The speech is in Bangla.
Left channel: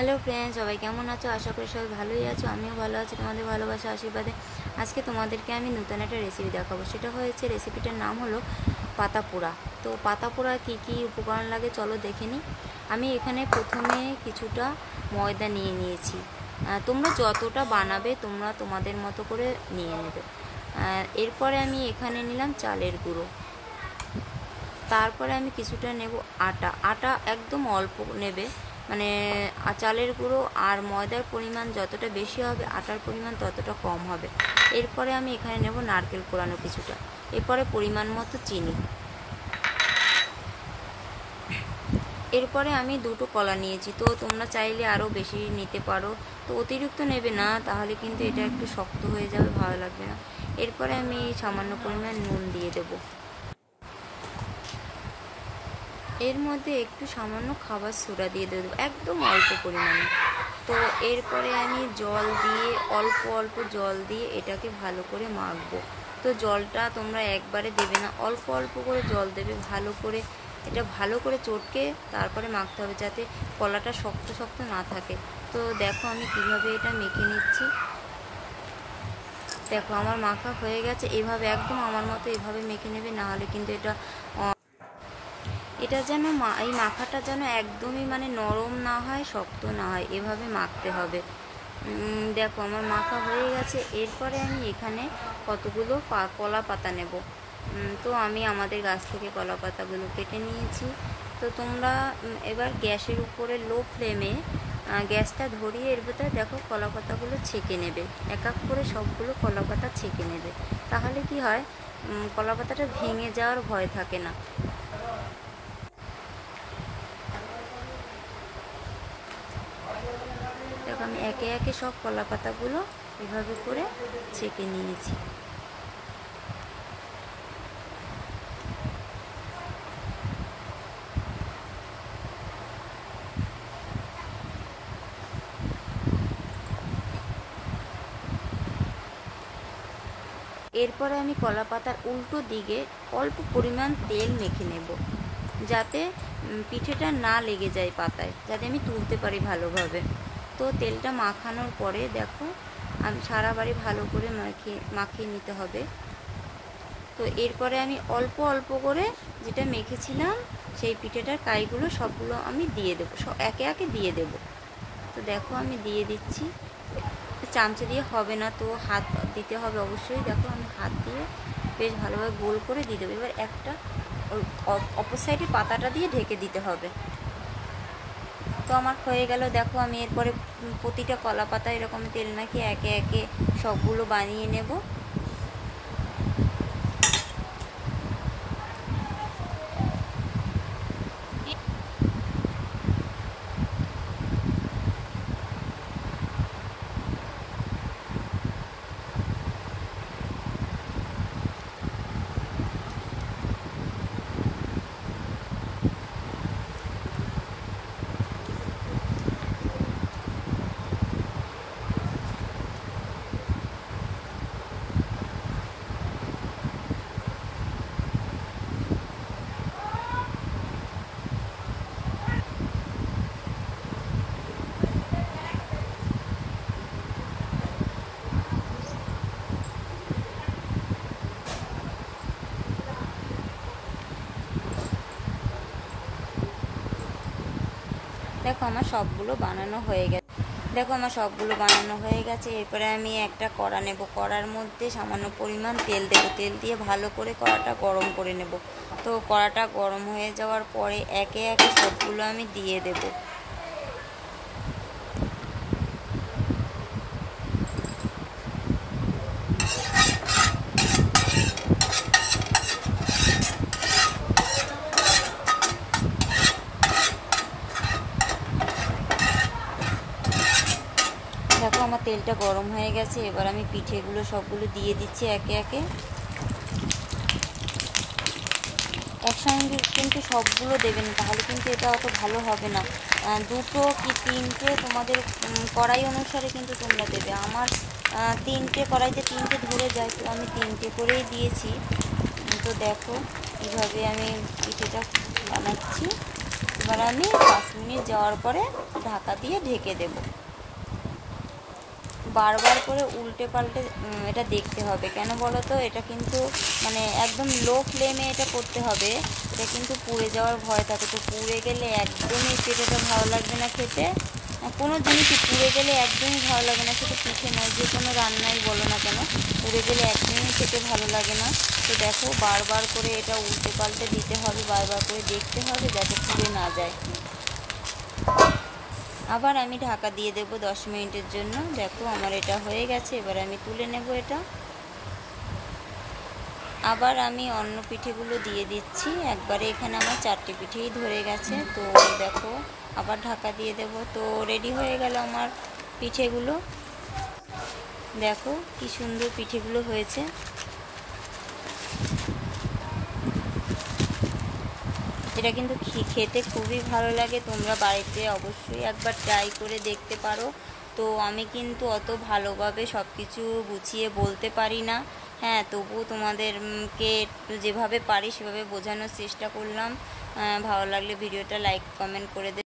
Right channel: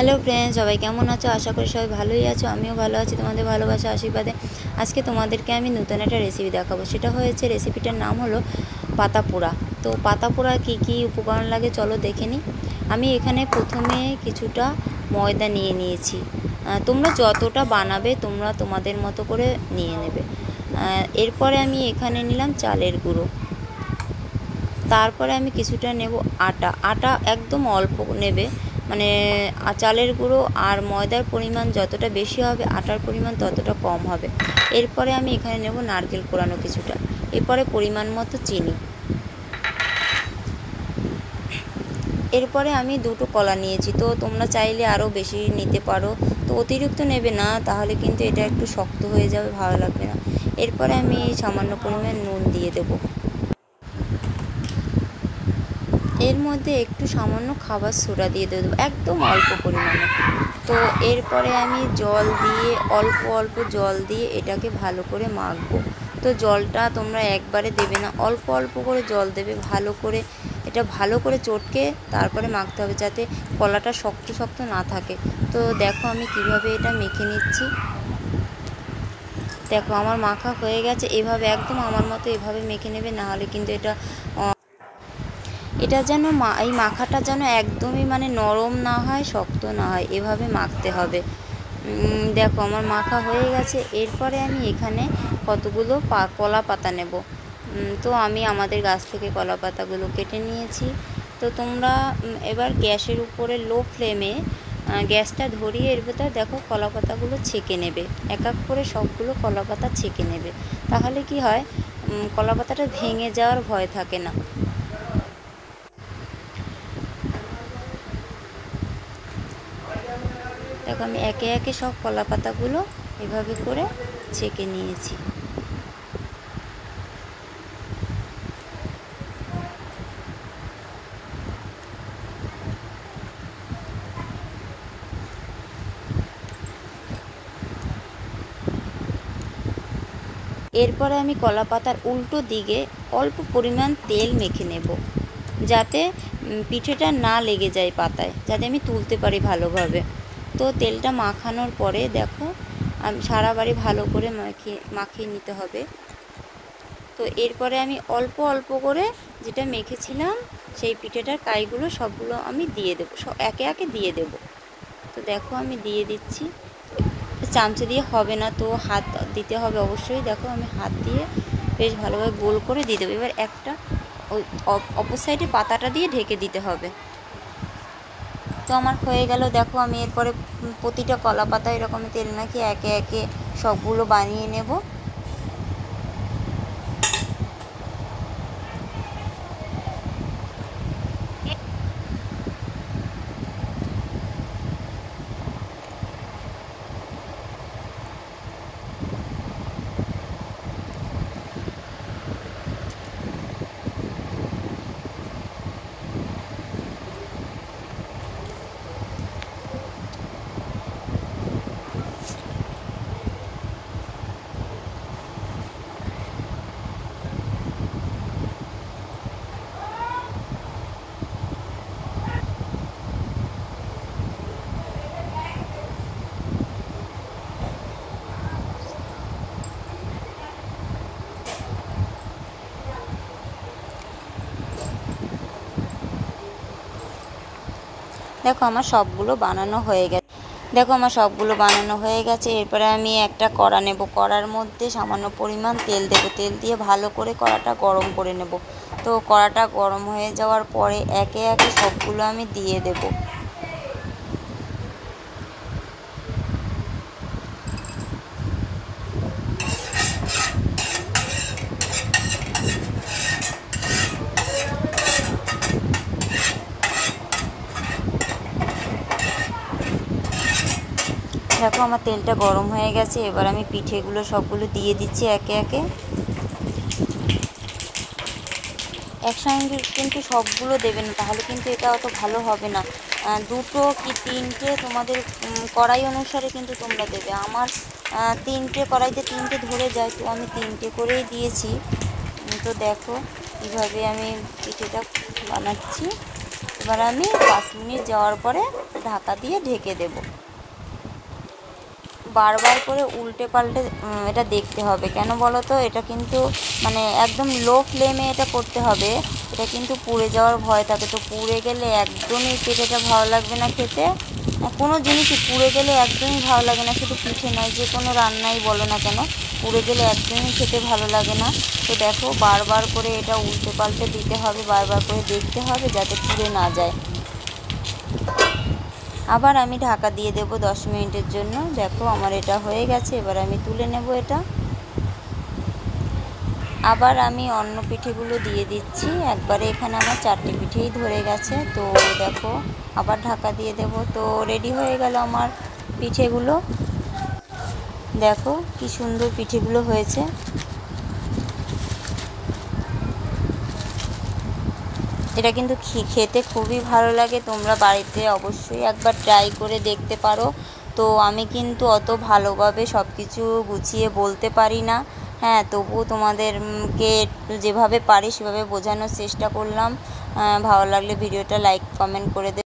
হ্যালো ফ্রেন্ডস, সবাই কেমন আছো? আশা করি সবাই ভালোই আছো। আমিও ভালো আছি তোমাদের ভালোবাসা আশীর্বাদে। আজকে তোমাদেরকে আমি নতুন একটা রেসিপি দেখাবো। সেটা হয়েছে, রেসিপিটার নাম হলো পাতা পোড়া। তো পাতা পোড়া কী কী উপকরণ লাগে চলো দেখে নিই। আমি এখানে প্রথমে কিছুটা ময়দা নিয়ে নিয়েছি। তোমরা যতটা বানাবে তোমরা তোমাদের মতো করে নিয়ে নেবে। এরপরে আমি এখানে নিলাম চালের গুঁড়ো। তারপরে আমি কিছুটা নেব আটা একদম অল্প নেবে, মানে চালের গুঁড়ো আর ময়দার পরিমাণ যতটা বেশি হবে আটার পরিমাণ ততটা কম হবে। এরপরে আমি এখানে নেব নারকেল কোড়ানো কিছুটা, এরপরে পরিমাণ মতো চিনি। এরপরে আমি দুটো কলা নিয়েছি, তো তোমরা চাইলে আরও বেশি নিতে পারো, তো অতিরিক্ত নেবে না, তাহলে কিন্তু এটা একটু শক্ত হয়ে যাবে, ভালো লাগবে না। এরপরে আমি সামান্য পরিমাণ নুন দিয়ে দেবো। এর মধ্যে একটু সামান্য খাবার সোডা দিয়ে দেবো, একদম অল্প পরিমাণে। তো এরপরে আমি জল দিয়ে অল্প অল্প জল দিয়ে এটাকে ভালো করে মাখবো। তো জলটা তোমরা একবারে দেবে না, অল্প অল্প করে জল দেবে, ভালো করে এটা ভালো করে চটকে তারপরে মাখতে হবে, যাতে কলাটা শক্ত শক্ত না থাকে। তো দেখো আমি কিভাবে এটা মেখে নিচ্ছি। দেখো আমার মাখা হয়ে গেছে। এভাবে একদম আমার মতো এভাবে মেখে নেবে, না হলে কিন্তু এটা যেন এই মাখাটা যেন একদমই মানে নরম না হয়, শক্ত না হয়, এভাবে মাখতে হবে। দেখো আমার মাখা হয়ে গেছে। এরপরে আমি এখানে কতগুলো কলা পাতা নেব। তো আমি আমাদের গাছ থেকে কলা পাতাগুলো কেটে নিয়েছি। তো তোমরা এবার গ্যাসের উপরে লো ফ্লেমে গ্যাসটা ধরিয়ে এর ভেতর দেখো কলা পাতাগুলো ছেঁকে নেবে, এক এক করে সবগুলো কলা পাতা ছেঁকে নেবে। তাহলে কি হয়, কলা পাতাটা ভেঙে যাওয়ার ভয় থাকে না। দেখো আমি একে একে সব কলা পাতাগুলো এভাবে করে ছেঁকে নিয়েছি। এরপরে আমি কলা পাতার উল্টো দিকে অল্প পরিমাণ তেল মেখে নেব, যাতে পিঠেটা না লেগে যায় পাতায়, যাতে আমি তুলতে পারি ভালোভাবে। তো তেলটা মাখানোর পরে দেখো আমি সারা বাড়ি ভালো করে মাখিয়ে নিতে হবে। তো এরপরে আমি অল্প অল্প করে যেটা মেখেছিলাম সেই পিঠেটার কাইগুলো সবগুলো আমি দিয়ে দেবো, একে একে দিয়ে দেব। তো দেখো আমি দিয়ে দিচ্ছি। চামচে দিয়ে হবে না, তো হাত দিতে হবে অবশ্যই। দেখো আমি হাত দিয়ে বেশ ভালোভাবে গোল করে দিয়ে দেবো। এবার একটা ওই অপর সাইডে পাতাটা দিয়ে ঢেকে দিতে হবে। তো আমার হয়ে গেল। দেখো আমি এরপরে প্রতিটা কলা পাতা এরকম তেল মাখিয়ে একে একে সবগুলো বানিয়ে নেব। দেখো আমার সবগুলো বানানো হয়ে গেছে। এরপরে আমি একটা কড়া নেব, কড়ার মধ্যে সামান্য পরিমাণ তেল দেব, তেল দিয়ে ভালো করে কড়াটা গরম করে নেব। তো কড়াটা গরম হয়ে যাওয়ার পরে একে একে সবগুলো আমি দিয়ে দেব। দেখো আমার তেলটা গরম হয়ে গেছে। এবার আমি পিঠেগুলো সবগুলো দিয়ে দিচ্ছি একে একে। একসঙ্গে কিন্তু সবগুলো দেবে না, তাহলে কিন্তু এটা অত ভালো হবে না। দুটো কি তিনটে তোমাদের কড়াই অনুসারে কিন্তু তোমরা দেবে। আমার তিনটে কড়াইতে তিনটে ধরে যায়, তো আমি তিনটে করেই দিয়েছি। তো দেখো কীভাবে আমি পিঠেটা বানাচ্ছি। এবার আমি 5 মিনিট যাওয়ার পরে ঢাকা দিয়ে ঢেকে দেব। বারবার করে উল্টে পাল্টে এটা দেখতে হবে। কেন বলো তো, এটা কিন্তু মানে একদম লো ফ্লেমে এটা করতে হবে, এটা কিন্তু পুড়ে যাওয়ার ভয় থাকে। তো পুড়ে গেলে একদমই পিঠেটা ভালো লাগবে না খেতে। কোনো জিনিসই পুড়ে গেলে একদমই ভালো লাগে না, শুধু পিঠে নয়, যে কোনো রান্নাই বলো না কেন, পুড়ে গেলে একদমই খেতে ভালো লাগে না। তো দেখো, বারবার করে এটা উল্টে পাল্টে দিতে হবে, বারবার করে দেখতে হবে যাতে পুড়ে না যায়। আবার আমি ঢাকা দিয়ে দেব 10 মিনিটের জন্য। দেখো আমার এটা হয়ে গেছে, এবার আমি তুলে নেব এটা। আবার আমি অন্য পিঠেগুলো দিয়ে দিচ্ছি, একবারে এখানে আমার 4টে পিঠেই ধরে গেছে। তো দেখো, আবার ঢাকা দিয়ে দেব। তো রেডি হয়ে গেল আমার পিঠেগুলো। দেখো কি সুন্দর পিঠেগুলো হয়েছে। এটা কিন্তু খেতে খুবই ভালো লাগে, তোমরা বাড়িতে অবশ্যই একবার ট্রাই করে দেখতে পারো। তো আমি কিন্তু অত ভালোভাবে সব কিছু গুছিয়ে বলতে পারি না, হ্যাঁ, তবুও তোমাদেরকে যেভাবে পারি সেভাবে বোঝানোর চেষ্টা করলাম। ভালো লাগলে ভিডিওটা লাইক কমেন্ট করে